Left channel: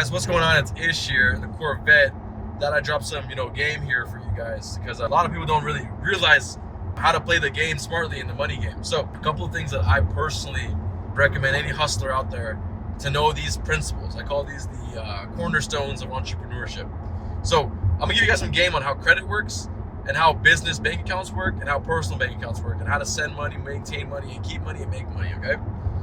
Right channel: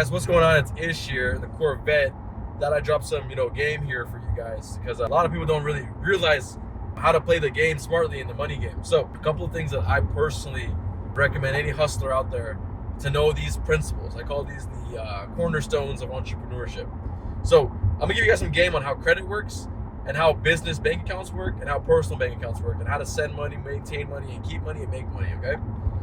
guys, what's going on? It's Ish here, the Corvette. That I dropped some, game here for you guys because a lot of people don't really realize how to play the game smartly in the money game. So, a couple of things that I personally recommend any hustler out there to know these principles. I call these the cornerstones of entrepreneurship. So, I'm gonna give you guys some game on how credit works and how business bank accounts work and how personal bank accounts work and how to send money, maintain money, and keep money and make money. Okay.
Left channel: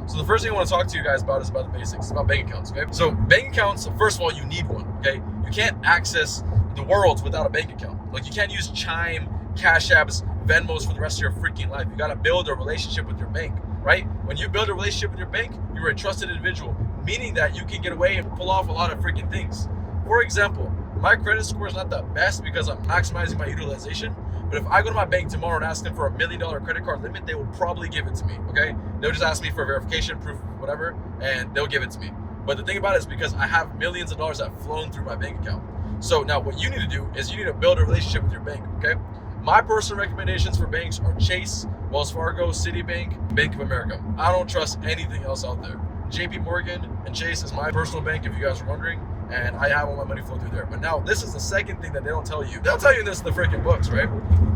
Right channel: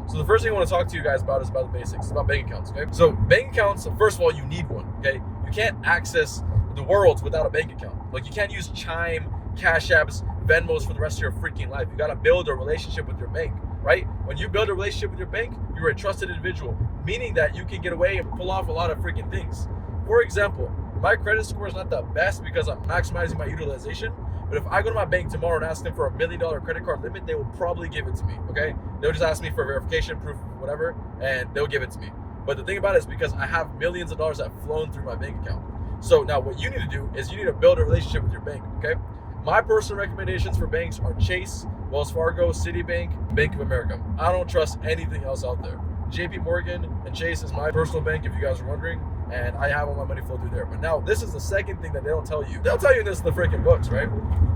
So the first thing I want to talk to you guys about is about the basics. It's about bank accounts, okay? So bank accounts, first of all, you need one, okay? You can't access the world without a bank account. Like you can't use Chime, Cash Apps, Venmos for the rest of your freaking life. You got to build a relationship with your bank, right? When you build a relationship with your bank, you're a trusted individual, meaning that you can get away and pull off a lot of freaking things. For example, my credit score is not the best because I'm maximizing my utilization. But if I go to my bank tomorrow and ask them for $1 million credit card limit, they will probably give it to me, okay? They'll just ask me for verification, proof, whatever, and they'll give it to me. But the thing about it is because I have millions of dollars that have flown through my bank account. So now what you need to do is you need to build a relationship with your bank, okay? My personal recommendations for banks are Chase, Wells Fargo, Citibank, Bank of America. I don't trust anything else out there. JP Morgan and Chase is my personal bank, if you guys are wondering, and I have all my money flow through there. But now this is the second thing that they don't tell you. They'll tell you this in the freaking books, right?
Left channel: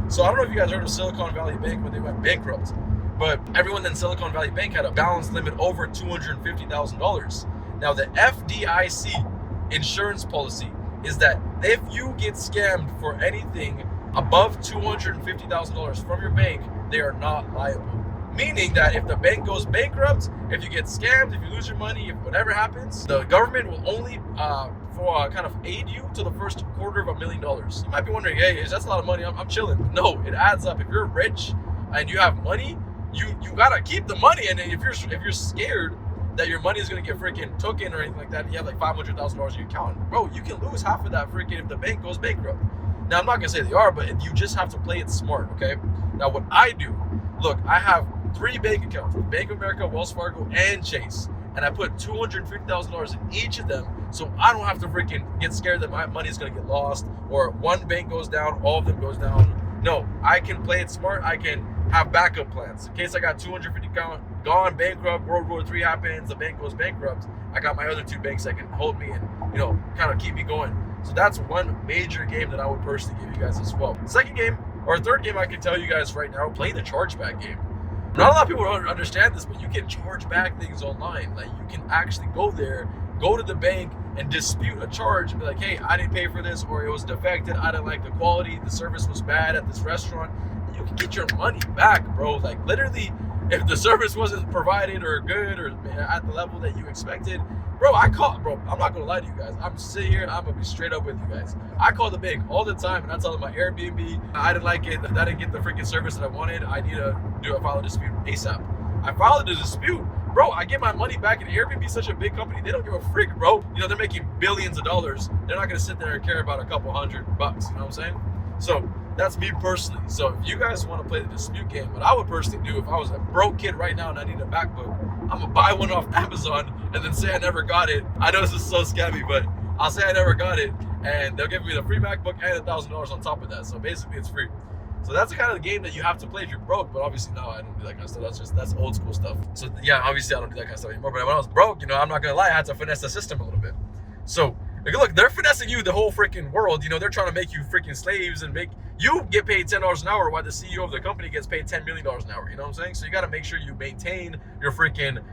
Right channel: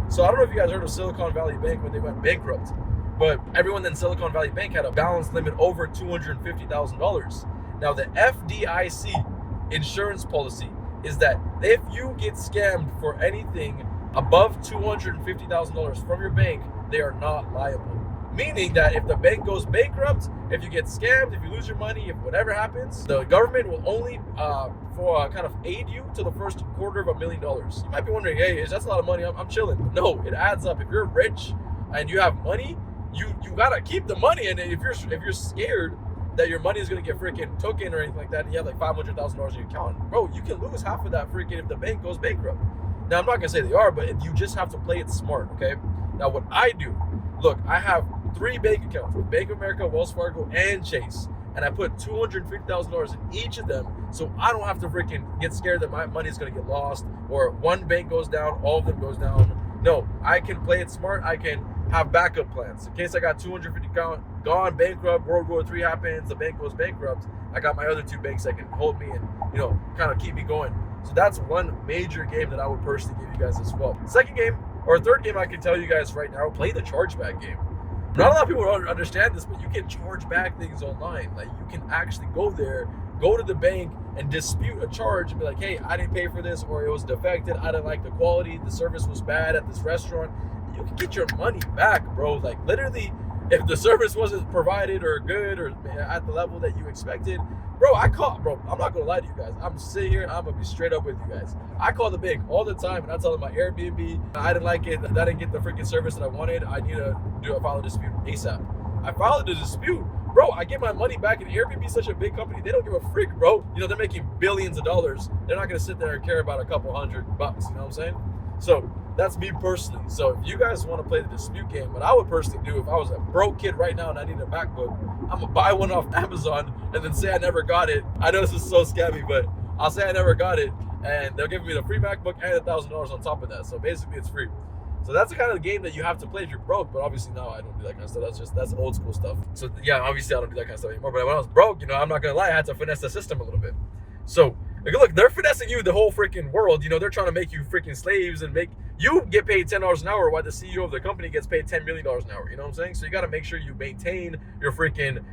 So I don't know if you guys heard of Silicon Valley Bank when they went bankrupt, but everyone in Silicon Valley Bank had a balance limit over $250,000. Now the FDIC insurance policy is that if you get scammed for anything above $250,000 from your bank, they are not liable. Meaning that if the bank goes bankrupt, if you get scammed, if you lose your money, if whatever happens, the government will only kind of aid you to the first $250,000. You might be wondering, hey, that's a lot of money. I'm chilling. No, it adds up. If you're rich and you have money, you gotta keep the money. And if you're scared that your money is gonna get freaking taken or anything like that, and you have like $500,000 in your account, bro, you can lose half of that freaking if the bank goes bankrupt. Now I'm not gonna say they are, but you just have to play it smart, okay? Now what I do, look, I have 3 bank accounts with Bank of America, Wells Fargo, and Chase. And I put $250,000 in each of them so I don't have to freaking get scared that my money is going to get lost or one bank goes down, all of them goes down. No, I can play it smart. I can have backup plans. In case I got 250 gone bankrupt, World War III happens, the bank goes bankrupt, I got my other 2 banks that can hold me and, kind of keep me going. So that's one major game that I would personally give you guys as well. Second game, or third game I can tell you guys right now, play the chargeback game. Not a lot of people don't understand this, but you can charge back things online. Like you can actually go there, go to the bank and dispute a charge and be like, hey, I didn't pay for this, or it was defected, I didn't like the quality, the service was bad at this restaurant. You can get your money back, bro. Like literally, if the service wasn't provided or good or at the level that you expected, bro, I'm not gonna lie to you guys. I'm sitting here, I'm gonna be straight up with you guys. I call the bank all the time and I tell them my Airbnb, I didn't like it, I didn't get the freaking service that I wanted, I need to file a dispute ASAP. I filed a dispute, bro, I get my money back, and Airbnb is such a big company, they don't give a freak, bro. They're making billions of dollars. They're not gonna sit there and care about a couple $100, you know what I'm saying? So that's me personally. So if you guys want to play the dispute game, what I would personally do if I was a broke kid right now and I need a MacBook, I'm gonna buy one off Amazon and then say I never got it. I know this is so scammy, but I'll say I never got it, and they'll give me the free MacBook and $1,000 on top of that. So basically, it's free. So that's the kind of game that you have to play if you're broke. But obviously now I don't do that kind of stuff. That's old school stuff. So yeah, obviously I don't do that kind of stuff anymore. But when I was broke, I'm not gonna lie, I had to finesse the system a little bit. So look, they're finessing you the whole freaking world. They're trying to make you freaking slaves and make you get paid $10 an hour while the CEO of the company gets paid $10 million an hour. You know what I'm saying? So you got to make sure you maintain your freaking,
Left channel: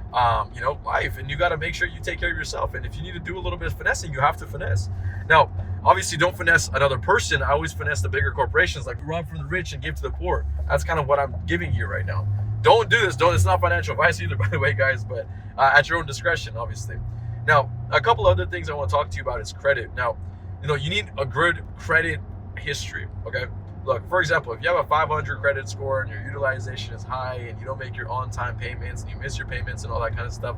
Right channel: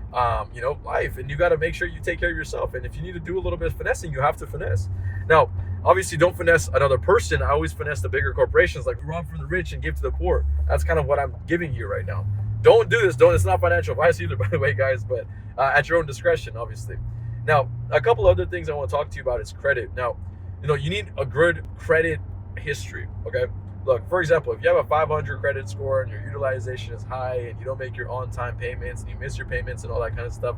life, and you got to make sure you take care of yourself. And if you need to do a little bit of finessing, you have to finesse. Now, obviously, don't finesse another person. I always finesse the bigger corporations, like rob from the rich and give to the poor. That's kind of what I'm giving you right now. Don't do this. It's not financial advice either, by the way, guys, but at your own discretion, obviously. Now, a couple other things I want to talk to you about is credit. Now, you need a good credit history, okay? Look, for example, if you have a 500 credit score and your utilization is high and you don't make your on-time payments and you miss your payments and all that kind of stuff,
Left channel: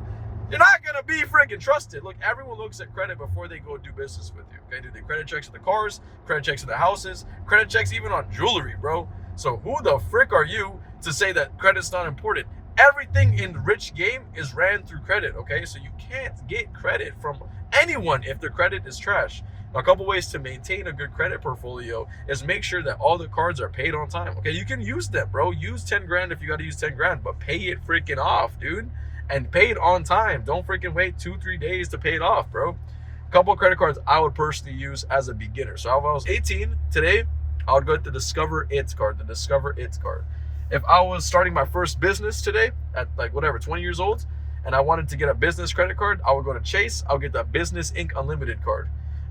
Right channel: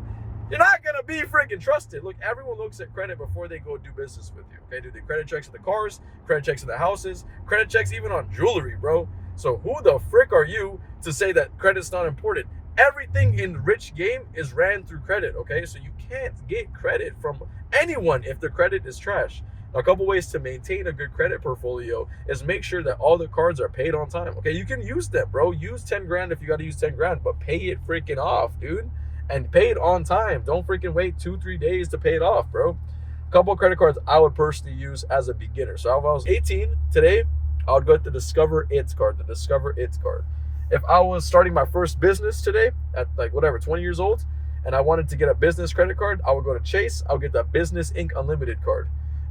you're not going to be freaking trusted. Look, everyone looks at credit before they go do business with you, okay? Do the credit checks on the cars, credit checks on the houses, credit checks even on jewelry, bro. So who the frick are you to say that credit's not important? Everything in the rich game is ran through credit, okay? So you can't get credit from anyone if their credit is trash. A couple ways to maintain a good credit portfolio is make sure that all the cards are paid on time. Okay, you can use them, bro. Use 10 grand if you got to use 10 grand, but pay it freaking off, dude. And pay it on time. Don't freaking wait 2-3 days to pay it off, bro. A couple of credit cards I would personally use as a beginner. So if I was 18 today, I would go with the Discover It card, the Discover It card. If I was starting my first business today at like whatever, 20 years old, and I wanted to get a business credit card, I would go to Chase. I'll get the Business Inc. Unlimited card.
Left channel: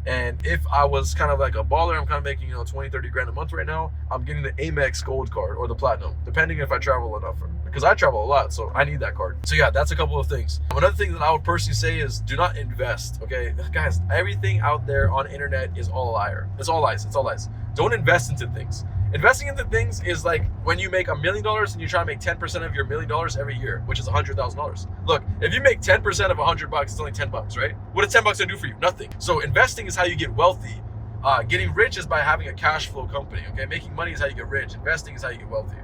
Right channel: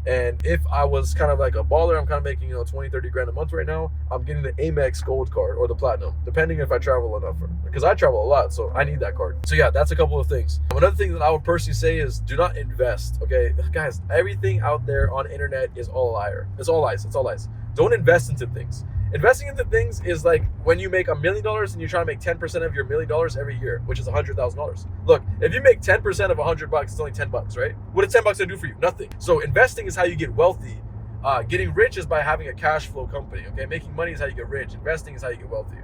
And if I was kind of like a baller, I'm kind of making, 20, 30 grand a month right now, I'm getting the Amex Gold card or the Platinum, depending if I travel enough. Because I travel a lot, so I need that card. So yeah, that's a couple of things. Another thing that I would personally say is do not invest, okay? Guys, everything out there on internet is all a liar. It's all lies, it's all lies. Don't invest into things. Investing into things is like when you make $1 million and you try to make 10% of your $1 million every year, which is $100,000. Look, if you make 10% of $100, it's only $10, right? What is $10 gonna do for you? Nothing. So investing is how you get wealthy. Getting rich is by having a cash flow company, okay? Making money is how you get rich. Investing is how you get wealthy.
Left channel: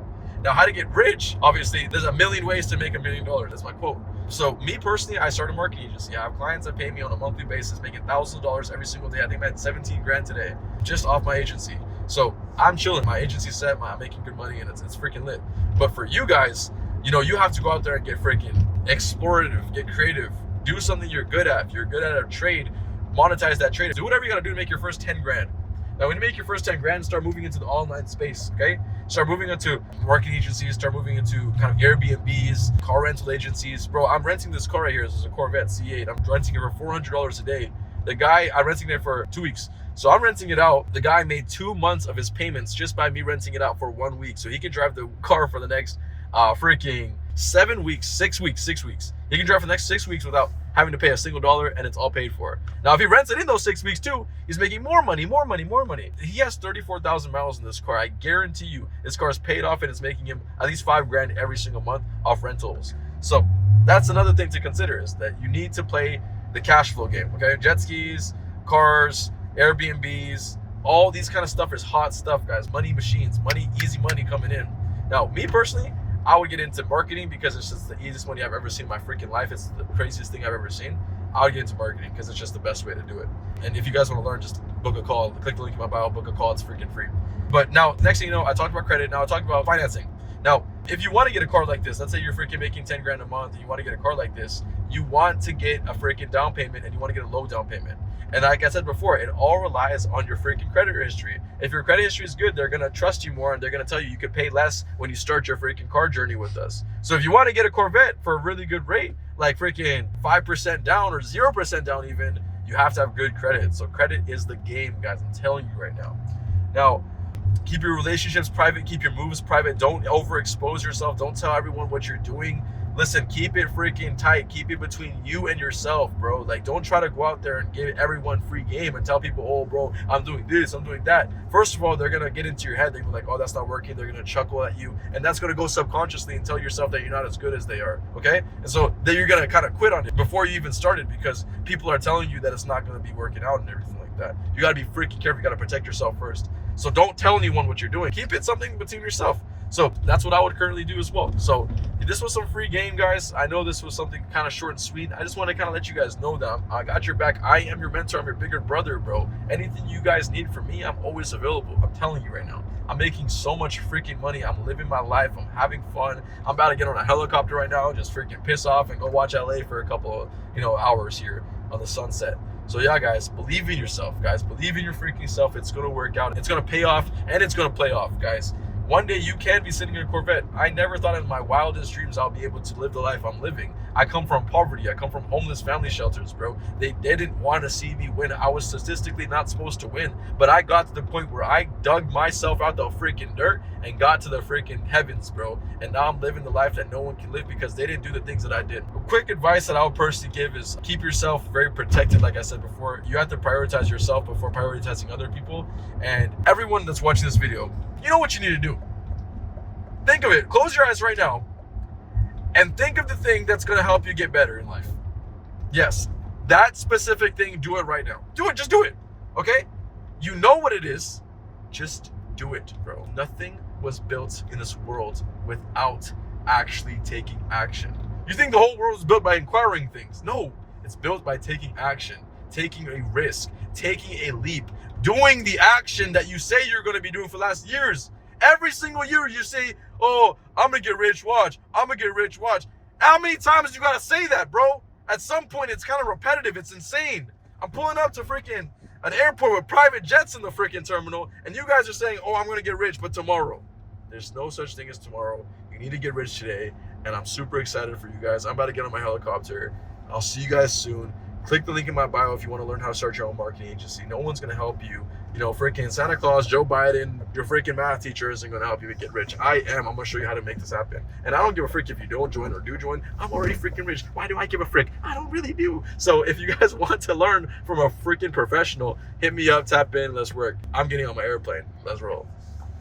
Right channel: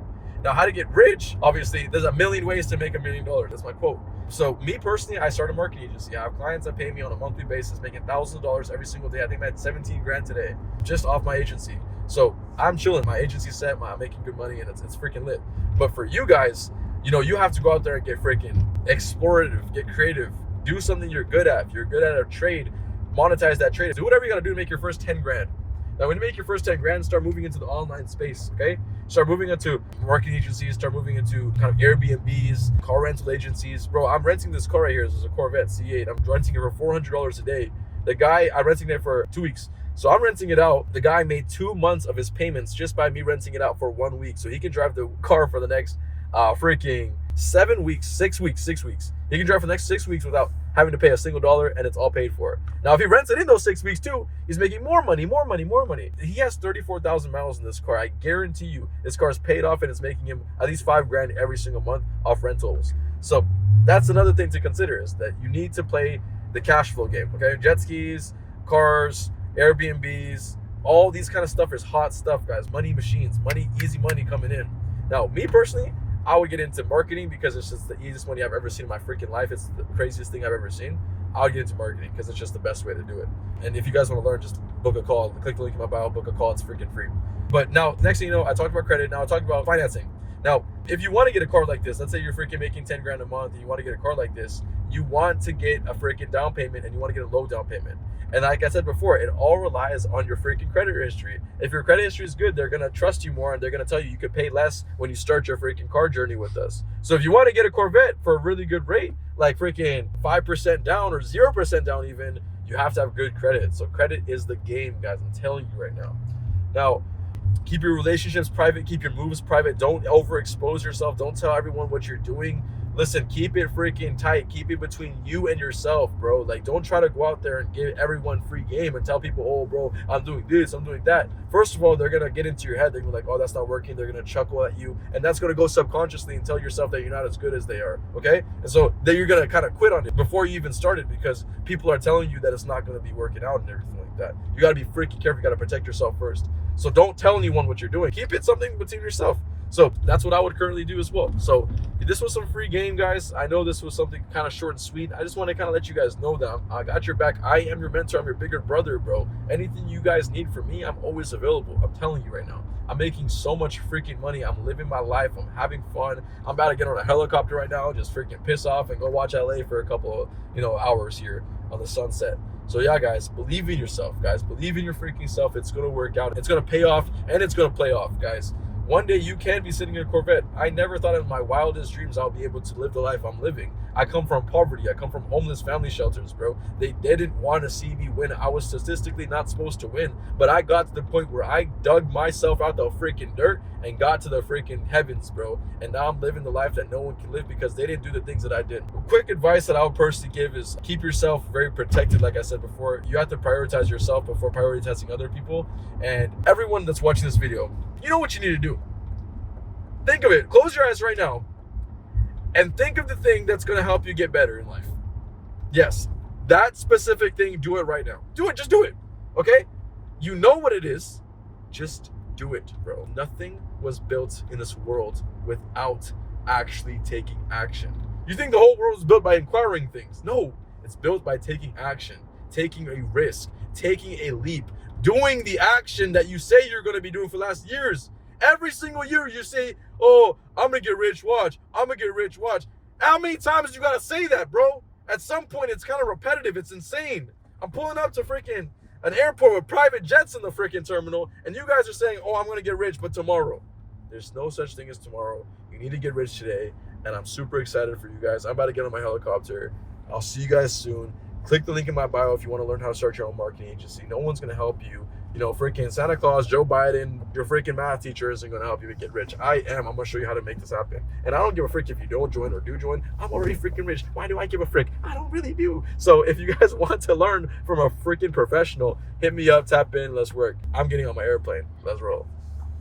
Now, how to get rich, obviously, there's a million ways to make $1 million. That's my quote. So me personally, I started a marketing agency. I have clients that pay me on a monthly basis, making $1,000 every single day. I think I had 17 grand today just off my agency. So I'm chilling. My agency's set. I'm making good money, and it's freaking lit. But for you guys, you have to go out there and get freaking explorative, get creative, do something you're good at. If you're good at a trade, monetize that trade. Do whatever you got to do to make your first 10 grand. Now, when you make your first 10 grand, start moving into the online space, okay? Start moving into marketing agencies, start moving into kind of Airbnbs, car rental agencies. Bro, I'm renting this car right here. This is a Corvette C8. I'm renting it for $400 a day. The guy, I'm renting it for 2 weeks. So I'm renting it out. The guy made 2 months of his payments just by me renting it out for 1 week. So he can drive the car for the next freaking 7 weeks, 6 weeks. He can drive for the next 6 weeks without having to pay a single dollar, and it's all paid for. Now, if he rents it in those 6 weeks too, he's making more money. He has 34,000 miles in this car. I guarantee you this car is paid off, and it's making him at least 5 grand every single month off rentals. So that's another thing to consider, is that you need to play the cash flow game, okay? Jet skis, cars, Airbnbs, all these kind of stuff is hot stuff, guys. Money machines, easy money coming in. Now, me personally, I would get into marketing because it's just the easiest money I've ever seen in my freaking life. It's the craziest thing I've ever seen. I would get into marketing because it's just the best way to do it. And if you guys want to learn, just book a call. Click the link in my bio, book a call. It's freaking free. But now, next thing you know, I talked about credit. Now I talked about financing. Now, if you want to get a car like this, let's say you're freaking making 10 grand a month and you want to get a car like this, you want to get a freaking down payment and you want to get a low down payment. And like I said before, it all relies on your freaking credit history. If your credit history is good, they're going to trust you more and they're going to tell you could pay less when you start your freaking car journey with us. So if you want to get a Corvette for a really good rate, like freaking 5% down or 0% down even, you have to have good credit. So credit is the game, guys. I'm telling you right now. Now, keep your relationships private, keep your moves private. Don't overexpose yourself. Don't tell everyone what you're doing. Listen, keep it freaking tight. Keep it between you and yourself, bro. Like, don't try to go out there and give everyone free game and tell people, oh, bro, I'm doing this, I'm doing that. First of all, they're going to get into your head. They're going to be like, oh, that's not working. They're going to chuckle at you. And that's going to go subconsciously and tell yourself that you're not as good as they are, okay? And so then you're going to kind of quit on it before you even started because people are telling you that it's not going to be working out and everything like that. You got to be freaking careful. You got to protect yourself first. So don't tell anyone what you're doing. Keep it something between yourself. So that's what I would currently do as well. So this was some free game, guys. I know this was something kind of short and sweet. I just want to kind of let you guys know that I got your back. I am your mentor. I'm your bigger brother, bro. Anything you guys need from me, I'm always available. I'm telling you right now. I'm making so much freaking money. I'm living my life. I'm having fun. I'm about to get on a helicopter right now, just freaking piss off and go watch LA for a couple of, hours here on the sunset. So yeah, guys, believe in yourself, guys. Believe in your freaking self. It's going to work out. It's going to pay off, and it's going to play off, guys. One day you can be sitting in a Corvette. I never thought in my wildest dreams I'll be able to live the life I'm living. I come from poverty. I come from homeless family shelters, bro. They didn't want to see me win. I was statistically not supposed to win. But I got to the point where I dug myself out the freaking dirt and got to the freaking heavens, bro. And now I'm living the life that no one can live because they didn't do the things that I did. A quick advice that I would personally give is keep yourself very protected. Like I said before, you have to prioritize yourself before prioritizing other people. And everyone that's watching this video, you know what you need to do. Think of it. Close your eyes right now and think of the thing that's going to help you get better in life. Yes, that specific thing, do it right now. Do it. Just do it. Okay? You know what it is. Just do it, bro. Nothing was built in this world without actually taking action. You think the whole world is built by acquiring things. No, it's built by taking action, taking a risk, taking a leap, doing the action that you say you're going to be doing for the last years. Every single year you say, oh, I'm going to get rich, watch. I'm going to get rich, watch. How many times you got to say that, bro? At some point, it's kind of repetitive. It's insane. I'm pulling up to freaking an airport with private jets in the freaking terminal, and you guys are saying, oh, I'm going to get rich, but tomorrow. There's no such thing as tomorrow. You need to get rich today, and I'm super excited for you guys. I'm about to get on my helicopter. I'll see you guys soon. Click the link in my bio if you want to learn how to start your own marketing agency. No one's going to help you. You know, freaking Santa Claus, Joe Biden, your freaking math teacher isn't going to help you get rich. I am. I'm going to show you how to make this happen. And I don't give a frick if you don't join or do join. I'm already freaking rich. Why do I give a frick? I don't really do. So if you guys want to learn from a freaking professional, hit me up, tap in, let's work. I'm getting on my airplane. Let's roll.